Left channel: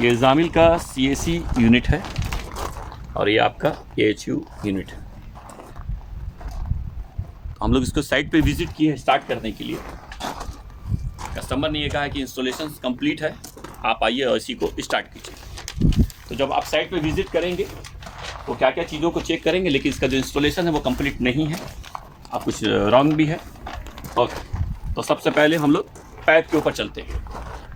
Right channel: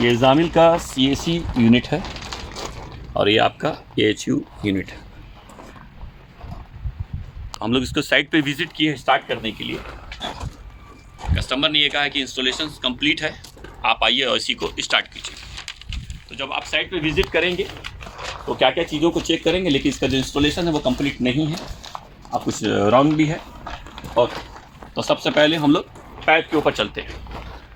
ये जामिल का CAC unit है और ये आपका AHU यूनिट है। हम लोग इसको साइट पे विजिट किए स्टार्ट करने के लिए। कस्टमर ने ये कहा कि इंस्टॉलेशन कंप्लीट है, आप आइए और इसी को स्टार्ट कीजिए। तो जब आप साइट पे विजिट करेंगे तो क्या क्या चीज़ों को चेक करेंगे, लेकिन इसका जो इंस्टॉलेशन है वो कंप्लीट नहीं है, आप कुछ रॉन्ग भी है। और तो सबसे पहले हम लोग पाइप के ऊपर चलते हैं।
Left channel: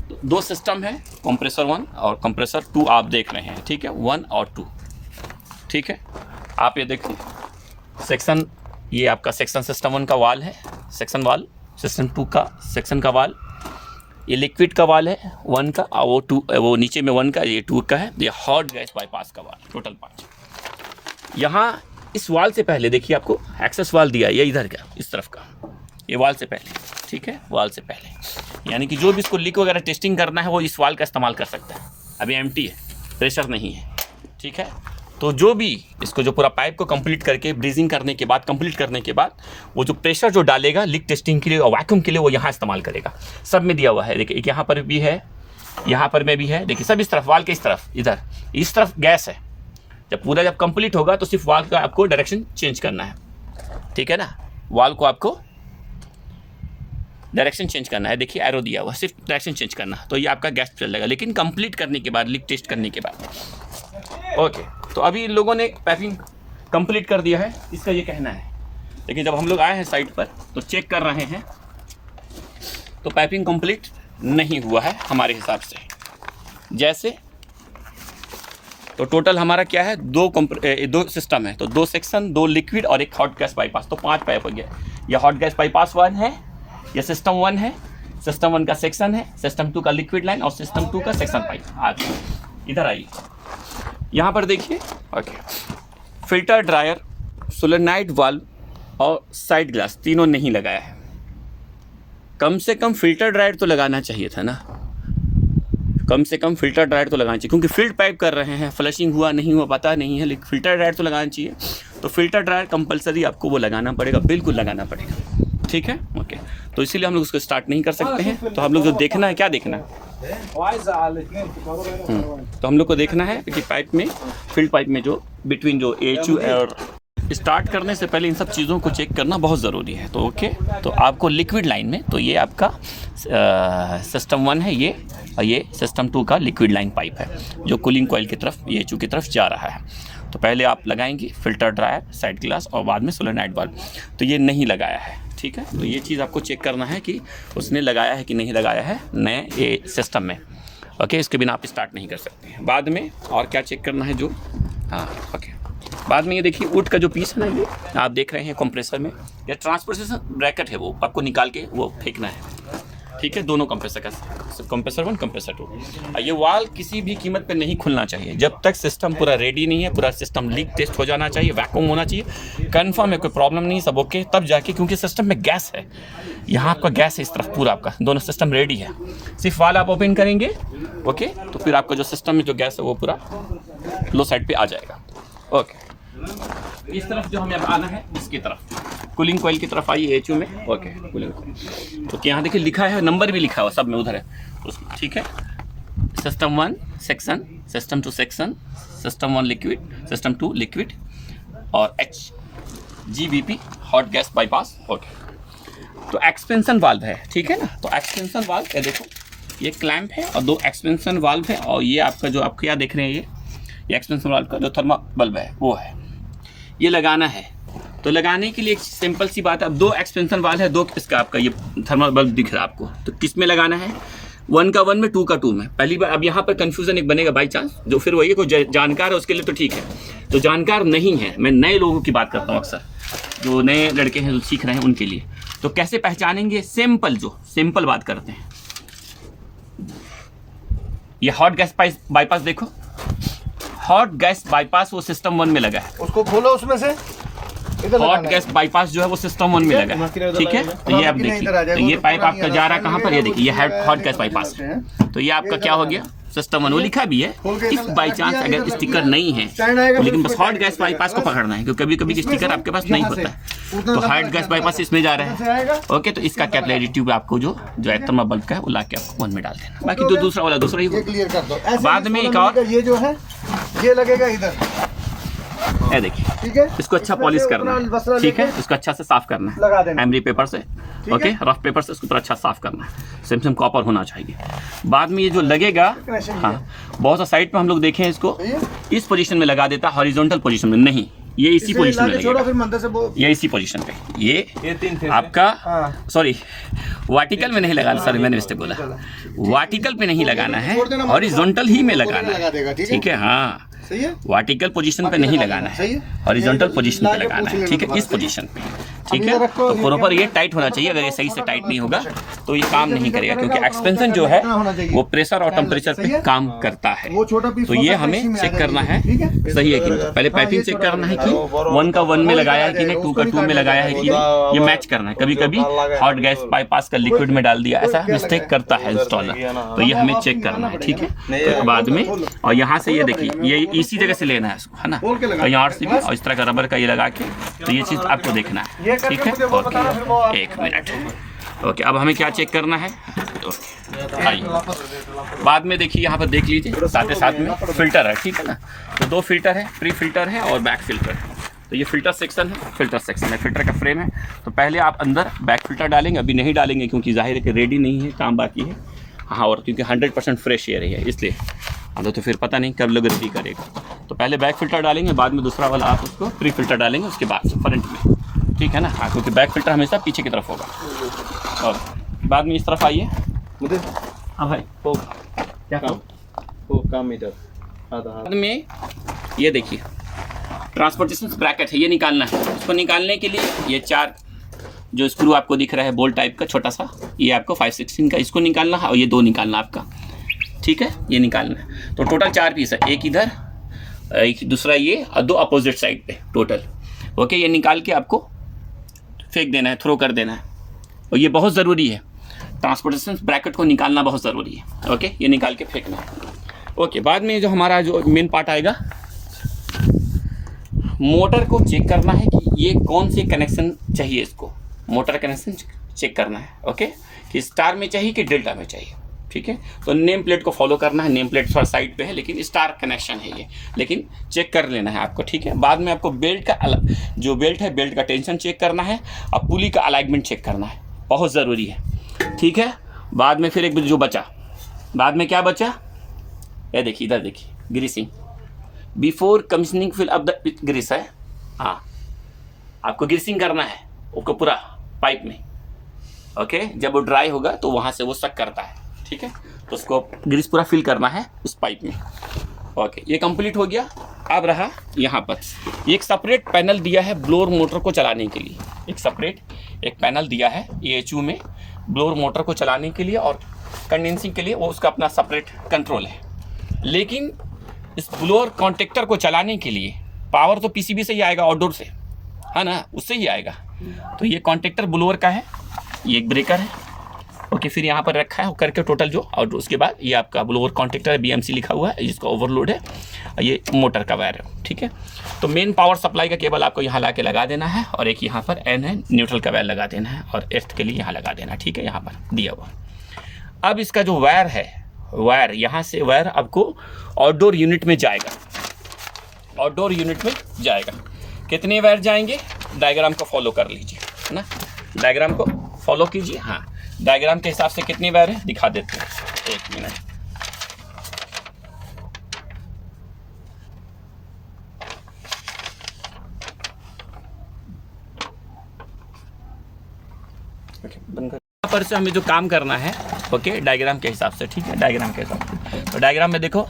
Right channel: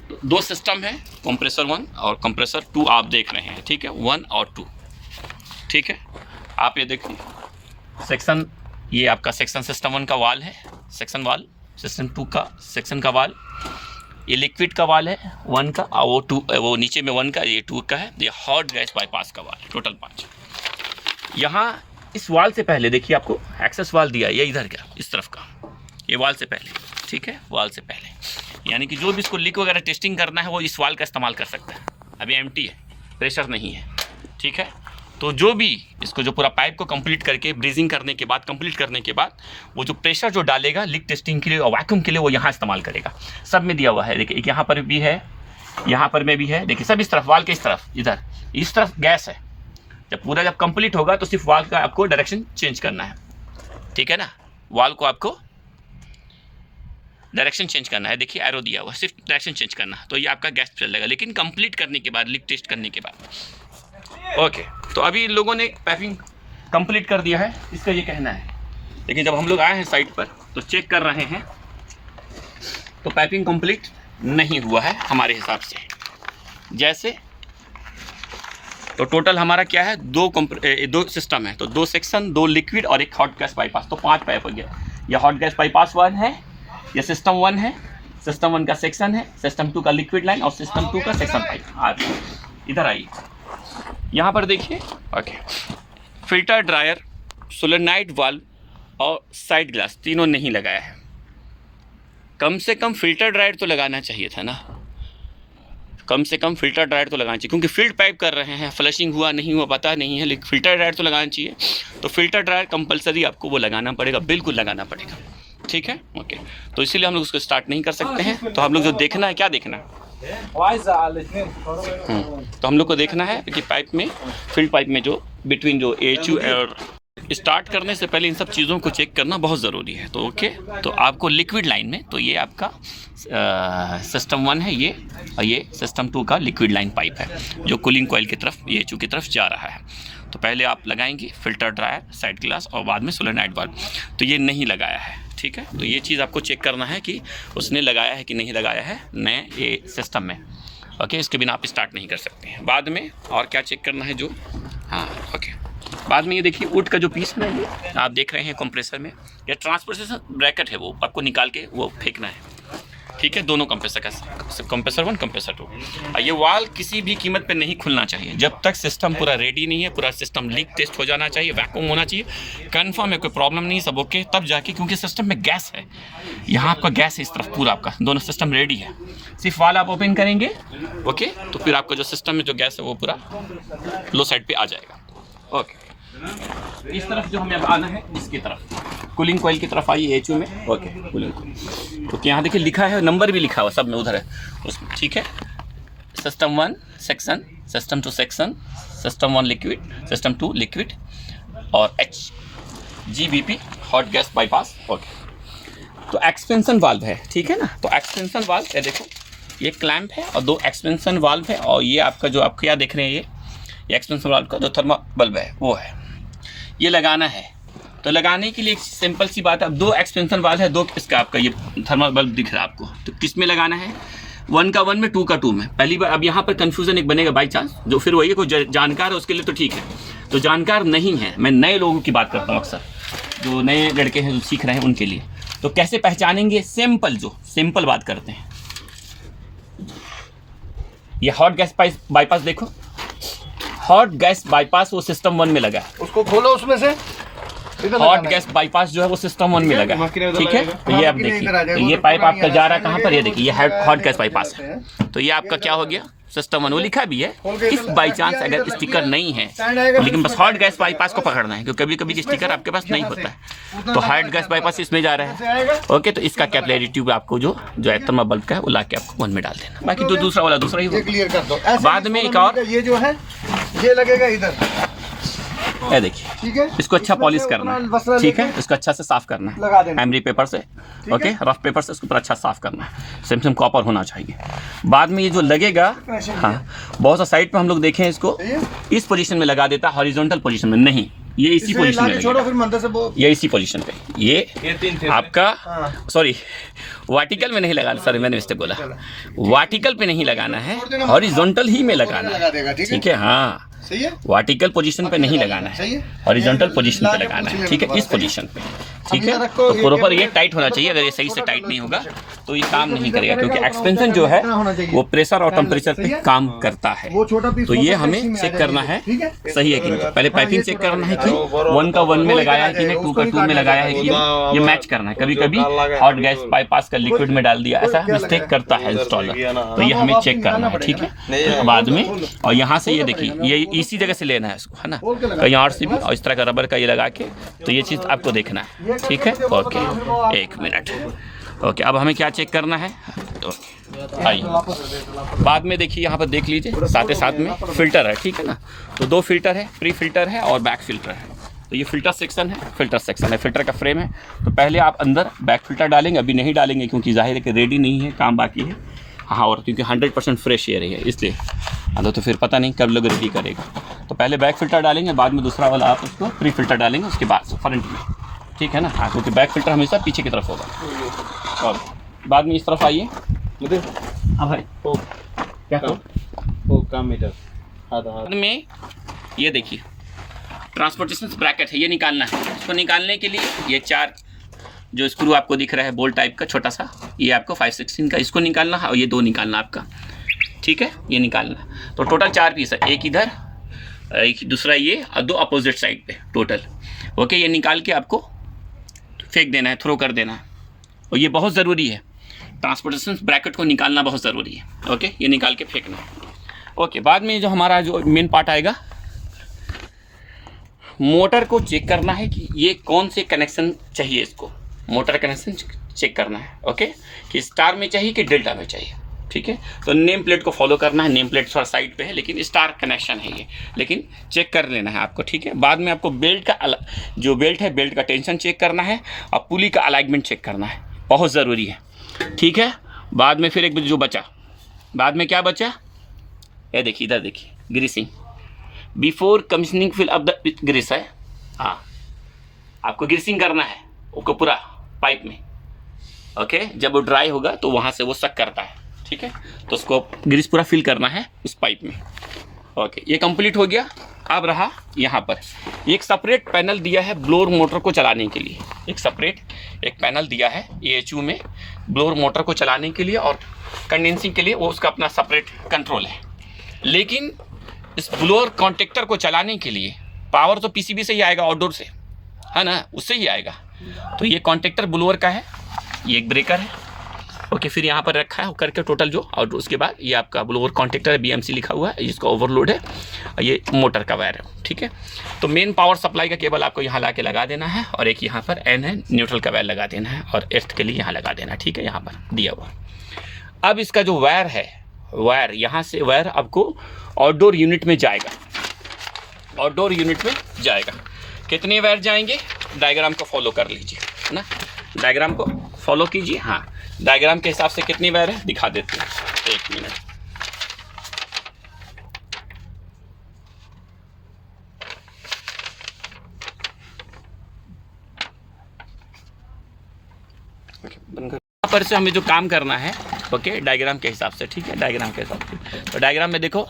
तो दो सिस्टम है, कंप्रेसर 1 और कंप्रेसर 2 आप देख रहे हैं, ठीक है, 1 और 2, ठीक है। आप ये देखिए सेक्शन, ये आपका सेक्शन सिस्टम 1 का वाल है, सेक्शन वाल, सिस्टम 2 का सेक्शन का वाल, ये लिक्विड का वाल है 1 का, और वो नीचे में 1 का, ये 2 का है, ये हॉट गैस बाईपास का वाल, टोटल 5। यहाँ इस वाल से पहले देखिए आपको एक्सेस वाल दिया है, ये इधर का, इस तरफ का, ये वाल से पहले, ठीक है, वाल से पहले, यानी कि जो भी इसको लीक वगैरह टेस्टिंग करना है वो इस वाल का इस्तेमाल कर सकता है। अभी एम्प्टी है, प्रेशर नहीं है, ठीक है। तो जो भी इसको जो पूरा पाइप को कंप्लीट करके ब्रीजिंग करने के बाद, कंप्लीट करने के बाद, वो जो प्रेशर जो डालेगा लीक टेस्टिंग के लिए और वैक्यूम के लिए, वो यहाँ इस्तेमाल करेगा। सब में दिया हुआ है, देखिए एक यहाँ पर भी है, यहाँ पर में भी है, देखिए सब इस तरफ, वाल के इस तरफ, इधर इस तरफ गैस है। जब कंप्लीट होगा तो सिर्फ वाल का आपको डायरेक्शन चेंज करना है, ठीक है ना, वाल को आपको डायरेक्शन चेंज करना है। देखिए एरो दिया हुआ, सिर्फ डायरेक्शन चेंज करना है, तो ये आपका गैस चलेगा, लेकिन कंप्लीट करने के बाद, लीक टेस्ट करने के बाद। ओके, तो अभी इन लोगों ने पाइपिंग कंप्लीट कर दिया है, इसका ये कहना है। लेकिन जब हम लोग आए हैं साइट पर तो चेक कर रहे हैं तो पाइपिंग कंप्लीट नहीं हुआ है हमारे हिसाब से। जैसे तो टोटल हमारा क्या है, दो सिस्टम है, तो 2 सेक्शन, 2 लिक्विड और एक हॉट गैस बाईपास, तो 5 पाइप हो गया। यह हॉट गैस बाईपास 1 है, यह सिस्टम 1 है, सिस्टम 1 का सेक्शन है, सिस्टम 2 का लिक्विड लाइन और सिस्टम 2 का सेक्शन पाइप। आप इधर आइए, यहाँ पर देखिए। Okay, filter dryer, solenoid valve और साइड ग्लास तीनों नहीं लगाया है। कम से कम फिल्टर ड्रायर तो लगाना चाहिए था ना, कम से कम फिल्टर ड्रायर तो लगाना चाहिए, क्योंकि फील्ड पाइप कर रहे हैं, फ्लशिंग हुआ नहीं हुआ पता नहीं है, लेकिन फिल्टर ड्रायर तो लगाना चाहिए। तो फिल्टर ड्रायर कंपलसरी आपको वो लगाना पड़ेगा, बिल्कुल लगाना पड़ेगा, ठीक है। ओके, तो इसीलिए हम लोग उसको स्टार्ट नहीं कर सकते हैं। तो हम लोग जो देखना है, क्या देखना है, तो हम लोग को देखना है कि पाइप में, फील्ड पाइप में जो बिटवीन जो AHU और स्टार्ट करने से पहले इन सब चीज़ों को चेक करना बहुत ज़रूरी है। तो ओके, तो आपको लिक्विड लाइन में, तो ये आपका सिस्टम 1 है ये, और ये सिस्टम 2 का लिक्विड लाइन पाइप है जो कूलिंग कॉइल की तरफ, AHU की तरफ जा रहा है। तो पहले आप लगाएंगे फिल्टर ड्रायर, साइड ग्लास और बाद में सोलेनॉइड वाल्व। तो ये नहीं लगाया है, ठीक है। तो ये चीज़ आपको चेक करना है कि उसने लगाया है कि नहीं लगाया है नए ये सिस्टम में। ओके, इसके बिना आप स्टार्ट नहीं कर सकते हैं। बाद में और क्या चेक करना है जो, हाँ ओके, बाद में ये देखिए वुड का जो पीस है, ये आप देख रहे हैं कंप्रेसर में, या ट्रांसपोर्टेशन ब्रैकेट है, वो आपको निकाल के वो फेंकना है, ठीक है। दोनों कंप्रेसर का, कंप्रेसर 1 कंप्रेसर 2। ये वाल किसी भी कीमत पे नहीं खुलना चाहिए जब तक सिस्टम पूरा रेडी नहीं है, पूरा सिस्टम लीक टेस्ट हो जाना चाहिए, वैक्यूम होना चाहिए, कंफर्म है, कोई प्रॉब्लम नहीं, सब ओके, तब जाके, क्योंकि सिस्टम में गैस है, यहाँ आपका गैस है इस तरफ, पूरा आपका दोनों सिस्टम रेडी है, सिर्फ वाल आप ओपन करेंगे, ओके, तो फिर आपका जो सिस्टम में जो गैस है वो पूरा लो साइड पर आ जाएगा। ओके, इस तरफ जो हमें अब आना है, इसकी तरफ कूलिंग कॉइल की तरफ आइए AHU में। ओके, कूलिंग कॉइल, तो यहाँ देखिए लिखा है, नंबर भी लिखा हुआ सब में, उधर है उसमें, ठीक है। System 1 section, system 2 section, system 1 liquid, system 2 liquid और HGBP hot gas bypass. Okay, तो एक्सपेंशन वाल्व है, ठीक है ना। तो एक्सपेंशन वाल्व है, देखो ये क्लैंप है और 2 एक्सपेंशन वाल्व है, और ये आपका जो आप क्या देख रहे हैं, ये एक्सपेंशन वाल्व का जो थर्मल बल्ब है वो है, ये लगाना है। तो लगाने के लिए एक सिंपल सी बात है, अब 2 एक्सपेंशन वाल्व है, 2 इसका आपका ये थर्मल बल्ब दिख रहा है आपको, तो किस में लगाना है, 1 का 1 में, 2 का 2 में। पहली बार अब यहाँ पर कन्फ्यूजन एक बनेगा बाई चांस, जो फिर वही है, कोई जानकार है उसके लिए तो ठीक है, तो जानकार नहीं है, मैं नए लोगों की बात करता हूँ अक्सर, जो नए लड़के हैं जो सीख रहे हैं उनके लिए। तो कैसे पहचानेंगे, सिंपल बात करते हैं। ये हॉट गैस बाईपास देखो, हॉट गैस बाईपास वो सिस्टम 1 में लगा है, उसको खोलो उसमें से। हॉट गैस बाईपास जो है वो सिस्टम 1 में लगा है, ठीक है। तो ये आप देखिए, तो ये पाइप आपका जा रहा है कहाँ पर, ये देखिए ये हॉट गैस बाईपास है। तो ये आपका क्या हो गया, सिस्टम 1 वो लिखा भी है। इफ बाई चांस अगर स्टिकर नहीं है, लेकिन बस हॉट गैस बाईपास को पकड़ना है, क्योंकि कभी कभी स्टिकर आपके पास नहीं होता है, तो हॉट गैस बाईपास इसमें जा रहा है। ओके, तो इसका कैपिलरी ट्यूब आपको जो थर्मल बल्ब का है वो ला के आपको 1 में डाल देना, बाकी जो दूसरा वाला दूसरा ही क्लियर कर दो। बाद में एक और ये जो है ये लगेगा इधर, ये देखिए, ठीक है। इसको अच्छा पॉलिश करना है, ठीक है, इसको अच्छा से साफ करना है, लगा देना एमरी पेपर से, ओके, रफ पेपर से इसको पूरा अच्छा साफ करना है, सिम कॉपर होना चाहिए। बाद में ये जो लगेगा, हाँ, बहुत सा साइड पे हम लोग देखें इसको इस पोजीशन में लगा देता है, हॉरिजॉन्टल पोजीशन में नहीं, ये इसी पोजीशन में लगेगा, ये इसी पोजीशन पे, ये आपका सॉरी वर्टिकल में नहीं लगाना, सॉरी मैंने मिस्टेक बोला, वर्टिकल पे नहीं लगाना है, हॉरिजॉन्टल ही में लगाना है, ठीक है। हाँ, वर्टिकल पोजीशन पे नहीं लगाना है, हॉरिजॉन्टल पोजीशन पे लगाना है, ठीक है, इस पोजीशन पे, ठीक है। तो प्रॉपर ये टाइट होना चाहिए, अगर ये सही से टाइट नहीं होगा तो ये काम नहीं करेगा, क्योंकि एक्सपेंशन जो है वो प्रेशर और टेम्परेचर पे काम करता है। तो ये हमें चेक करना है सही है कि नहीं, पहले पाइपिंग चेक करना है कि 1 का 1 में लगाया है कि नहीं, 2 का 2 में लगाया है कि नहीं, ये मैच करना है। कभी कभी हॉट गैस बाईपास का लिक्विड में डाल दिया, ऐसा मिस्टेक करता है इंस्टॉलर, तो ये हमें चेक करना है, ठीक है। तो बाद में और यहाँ से ये देखिए, ये इसी जगह से लेना है इसको, है ना, तो यहाँ से भी और इस तरह का रबर का ये लगा के, तो ये चीज़ आपको देखना है, ठीक है। Okay, 1 minute. ओके, अब हमें क्या चेक करना है, आइए बाद में देखिए, यहाँ पर देख लीजिए, साथ में फिल्टर है, ठीक है ना। तो 2 फिल्टर है, प्री फिल्टर है और बैक फिल्टर है। तो ये फिल्टर सेक्शन है, फिल्टर का फ्रेम है। तो पहले आप अंदर बैक फिल्टर डालेंगे, अभी नहीं डालेंगे क्योंकि जाहिर है कि रेडी नहीं है, काम बाकी है। हाँ, और क्योंकि 100% फ्रेश एयर है इसलिए, तो फिर पता नहीं कब लोग रेडी करेगा। तो पहले बैक फिल्टर डालेंगे, बाद में दूसरा वाला आप उसको प्री फिल्टर डालेंगे उसके बाद फ्रंट में, ठीक है ना। हाँ, क्योंकि बैक फिल्टर हमेशा पीछे की तरफ होगा। और बाद में इस तरफ आइए, हाँ भाई, तो क्या कम मीटर बाद में ये देखिए ट्रांसपोर्टेशन ब्रैकेट है, ये निकालना है। इसको निकालने के लिए ये 4 जो स्क्रू आपको दिख रहा है बोल्ट टाइप का छोटा सा, ये आपको 5/16 का इसको निकालना है, और ये 2 निकालना आपका, ठीक है, ये निकालना है। तो टोटल 4 पीस है, एक इधर, एक दूसरा ये, और 2 अपोजिट साइड पे टोटल। ओके, ये निकाल के आपको फेंक देना है, थ्रो कर देना है, और ये बहुत ज़रूरी है, ट्रांसपोर्टेशन ब्रैकेट को निकालना बहुत ज़रूरी है। ओके, ये निकाल के फेंकना है। ओके, बाद में जो हमारा जो मेन पार्ट आएगा, मोटर को चेक करना है कि ये कौन से कनेक्शन चाहिए, इसको मोटर कनेक्शन चेक करना है। ओके, कि स्टार में चाहिए कि डेल्टा में चाहिए, ठीक है। तो नेम प्लेट को फॉलो करना है, नेम प्लेट थोड़ा साइड पे है लेकिन स्टार कनेक्शन है ये, लेकिन चेक कर लेना है आपको, ठीक है। बाद में आपको बेल्ट का जो बेल्ट है, बेल्ट का टेंशन चेक करना है, और पुली का अलाइनमेंट चेक करना है, बहुत ज़रूरी है, ठीक है। बाद में फिर एक जो बचा, बाद में क्या बचा, ये देखिए, इधर देखिए, greasing before commissioning fill up the grease है। हाँ, आपको ग्रीसिंग करना है उसको पूरा पाइप में। ओके, जब वो ड्राई होगा तो वहाँ से वो सक करता है, ठीक है। तो उसको ग्रीस पूरा फिल करना है उस पाइप में। ओके, ये कंप्लीट हो गया। अब रहा यहाँ पर एक सेपरेट पैनल दिया है ब्लोअर मोटर को चलाने के लिए, एक सेपरेट एक पैनल दिया है AHU में ब्लोअर मोटर को चलाने के लिए और कंडेंसिंग के लिए, वो उसका अपना सेपरेट कंट्रोल है। लेकिन इस ब्लोअर कॉन्टेक्टर को चलाने के लिए पावर तो PCB से ही आएगा, आउटडोर से, है ना, उससे ही आएगा। तो ये कॉन्टेक्टर ब्लोअर का है, ये एक ब्रेकर है। ओके, फिर यहाँ पर रखा है करके टोटल जो, और उसके बाद ये आपका ब्लोअर कॉन्टेक्टर है, BMC लिखा हुआ है, जिसका ओवरलोड है, ये मोटर का वायर है, ठीक है। तो मेन पावर सप्लाई का केबल आपको यहाँ ला के लगा देना है, और एक यहाँ पर N है, न्यूट्रल का वायर लगा देना है, और एर्थ के लिए यहाँ लगा देना है, ठीक है, यहाँ पर दिया हुआ। अब इसका जो वायर है, वायर यहाँ से वायर आपको आउटडोर यूनिट में जाएगा, आउटडोर यूनिट में जाएगा। कितने वायर जाएंगे, डायग्राम को फॉलो कर लीजिए, है ना, डायग्राम को फॉलो कीजिए। हाँ, डायग्राम के हिसाब से कितनी वायर है दिखा देते हैं, 1 मिनट। यहाँ पर से हमें जो काम करना है, ओके, डायग्राम के हिसाब से, ठीक है, डायग्राम के हिसाब से। तो डायग्राम में देखो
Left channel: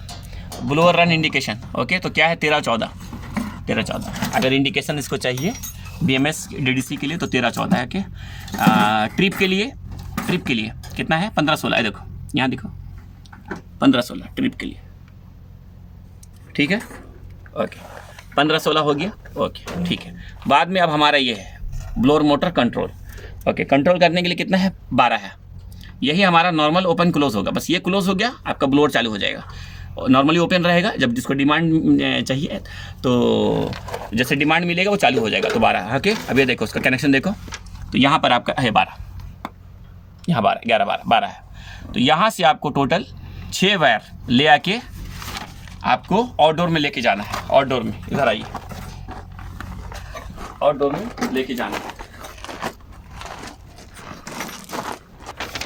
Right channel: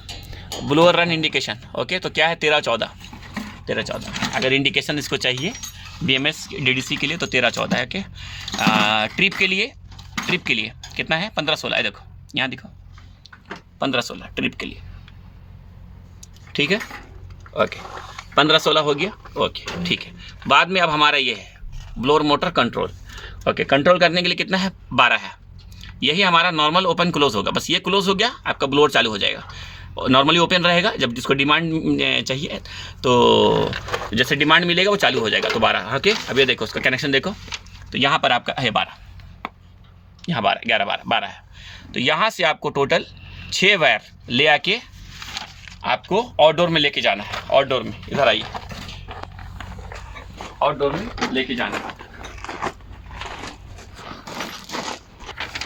ब्लोअर रन इंडिकेशन, ओके, तो क्या है 13-14, अगर इंडिकेशन इसको चाहिए BMS DDC के लिए तो 13-14 है। ओके, ट्रिप के लिए कितना है, 15-16 है, देखो यहाँ देखो 15-16 ट्रिप के लिए, ठीक है। ओके, 15-16 हो गया, ओके ठीक है। बाद में अब हमारा ये है blower motor control, okay. Control करने के लिए कितना है, 12 है। यही हमारा नॉर्मल ओपन क्लोज होगा, बस ये क्लोज हो गया आपका ब्लोअर चालू हो जाएगा। नॉर्मली ओपन रहेगा, जब जिसको डिमांड चाहिए तो जैसे डिमांड मिलेगा वो चालू हो जाएगा। तो 12, ओके। अब ये देखो उसका कनेक्शन देखो, तो यहाँ पर आपका है 12, यहाँ 12, 11, 12 है। तो यहाँ से आपको टोटल 6 वायर ले आके आपको आउटडोर में लेके जाना है। आउटडोर में इधर आइए, आउटडोर में लेके जाना है,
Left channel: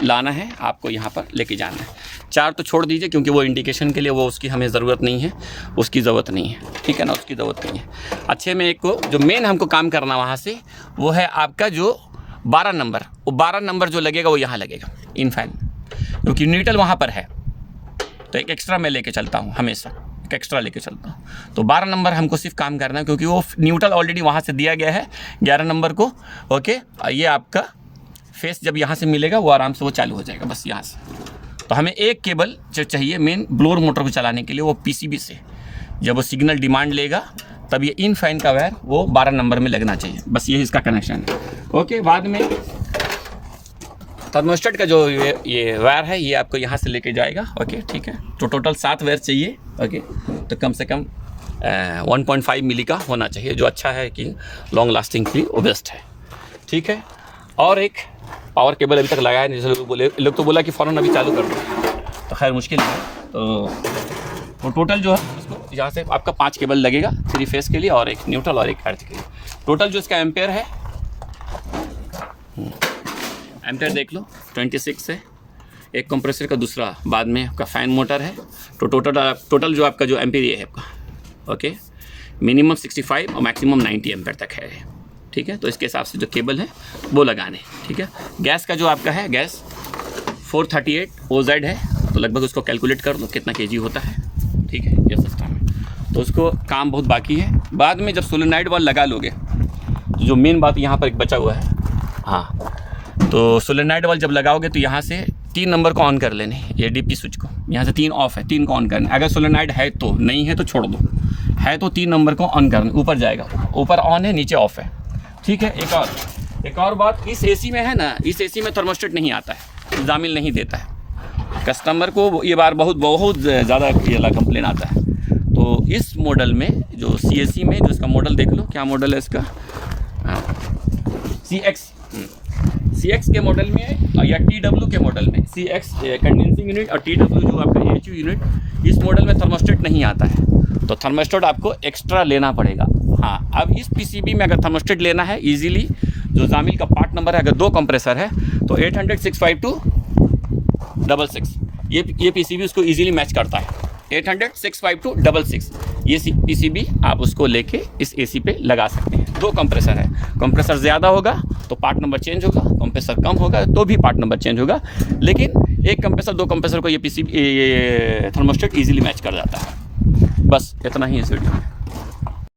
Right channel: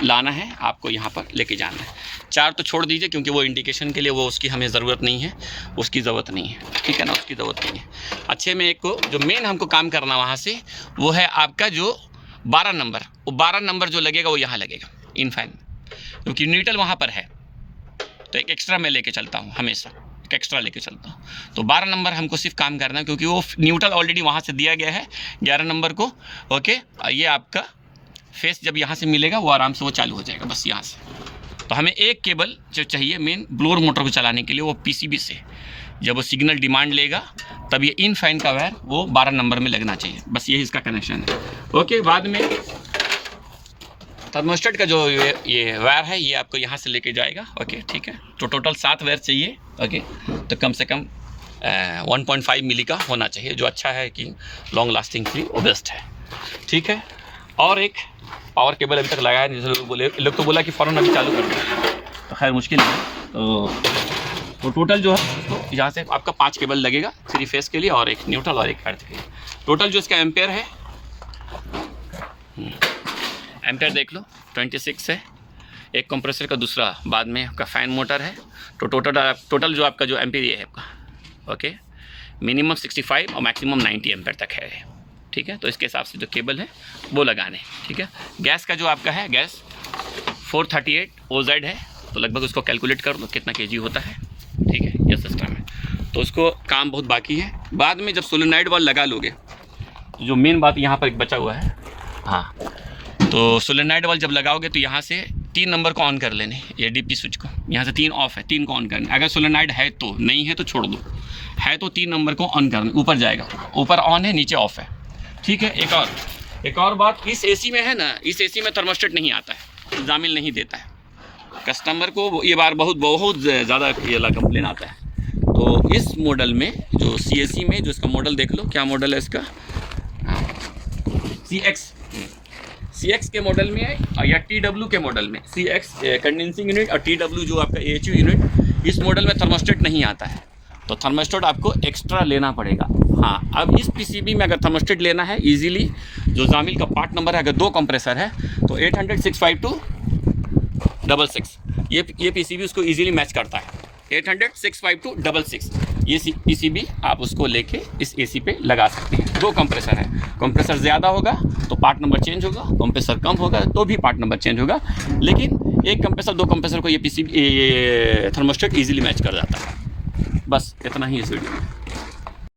लाना है आपको, यहाँ पर लेके जाना है। 4 तो छोड़ दीजिए क्योंकि वो इंडिकेशन के लिए, वो उसकी हमें ज़रूरत नहीं है, उसकी ज़रूरत नहीं है, ठीक है ना, उसकी ज़रूरत नहीं है। अच्छे में एक को जो मेन हमको काम करना वहाँ से वो है आपका जो 12 नंबर, वो 12 नंबर जो लगेगा वो यहाँ लगेगा इन फैन, क्योंकि न्यूट्रल वहाँ पर है। तो एक एक्स्ट्रा मैं लेके चलता हूँ, हमेशा एक एक्स्ट्रा लेके चलता हूँ। तो 12 नंबर हमको सिर्फ काम करना है क्योंकि वो न्यूट्रल ऑलरेडी वहाँ से दिया गया है 11 नंबर को, ओके। ये आपका फेस जब यहाँ से मिलेगा वो आराम से वो चालू हो जाएगा, बस यहाँ से। तो हमें एक केबल जो चाहिए मेन ब्लोअर मोटर को चलाने के लिए, वो पीसीबी से जब वो सिग्नल डिमांड लेगा तब ये इन फैन का वायर वो 12 नंबर में लगना चाहिए, बस यही इसका कनेक्शन है, ओके। बाद में थर्मोस्टेट का जो ये वायर है ये आपको यहाँ से लेके जाएगा, ओके ठीक है। तो टोटल 7 वायर चाहिए, ओके। तो कम से कम 1.5 मिली का होना चाहिए, जो अच्छा है कि लॉन्ग लास्टिंग के लिए वो बेस्ट है, ठीक है। और एक पावर केबल अभी तक लगाया नहीं, जैसे लोग तो बोला कि फ़ौरन अभी चालू कर दो, तो खैर मुश्किल है। तो टोटल जो है उसको यहाँ से आपका 5 केबल लगेगा, 3 फेस के लिए और एक न्यूट्रल और एक अर्थ के लिए। टोटल जो इसका एम्पेयर है, एम्पेयर देख लो 26 है। एक कंप्रेसर का दूसरा बाद में आपका फ़ैन मोटर है। तो टोटल जो आपका जो एम्पेयर ये है आपका, ओके, मिनिमम 65 और मैक्सिमम 90 एम्पेयर तक है, ठीक है। तो इसके हिसाब से जो केबल है वो लगाने, ठीक है। गैस का जो आपका है, गैस 438 OZ है, तो लगभग उसको कैलकुलेट कर लो कितना केजी होता है, ठीक है। ये सिस्टम है, तो उसको काम बहुत बाकी है। बाद में जब सोलेनॉइड वाल्व लगा लोगे, जो मेन बात यहाँ पर एक बचा हुआ है, हाँ, तो सोलेनॉइड वाल्व जब लगाओगे तो यहाँ से 3 नंबर को ऑन कर लेने, ये डीपी स्विच को, यहाँ से 3 ऑफ है, 3 को ऑन करना। अगर सोलेनॉइड है तो, नहीं है तो छोड़ दो, है तो 3 नंबर को ऑन करना, ऊपर जाएगा, ऊपर ऑन है नीचे ऑफ है, ठीक है। एक और बात, इस एसी में है ना, इस एसी में थर्मोस्टेट नहीं आता है, जामिल नहीं देता है कस्टमर को, ये बार बहुत ज़्यादा ये कंप्लेन आता है। तो इस मॉडल में जो CAC में जो इसका मॉडल देख लो, क्या मॉडल है इसका, CX के मॉडल में है या TW के मॉडल में, CX कंडेंसिंग यूनिट और TW जो आपका AHU यूनिट, इस मॉडल में थर्मोस्टेट नहीं आता है, तो थर्मोस्टेट आपको एक्स्ट्रा लेना पड़ेगा। हाँ, अब इस PCB में अगर थर्मोस्टेट लेना है इजीली, जो जामिल का पार्ट नंबर है, अगर 2 कंप्रेसर है तो 800-652-66, ये PCB उसको इजीली मैच करता है। 800-652-66 ये PCB आप उसको लेके इस AC पे लगा सकते हैं। 2 कंप्रेसर है, कंप्रेसर ज़्यादा होगा तो पार्ट नंबर चेंज होगा, कंप्रेसर कम होगा तो भी पार्ट नंबर चेंज होगा, लेकिन 1 कंप्रेसर 2 कंप्रेसर को ये PCB ये थर्मोस्टेट इजीली मैच कर जाता है। बस इतना ही इस वीडियो में।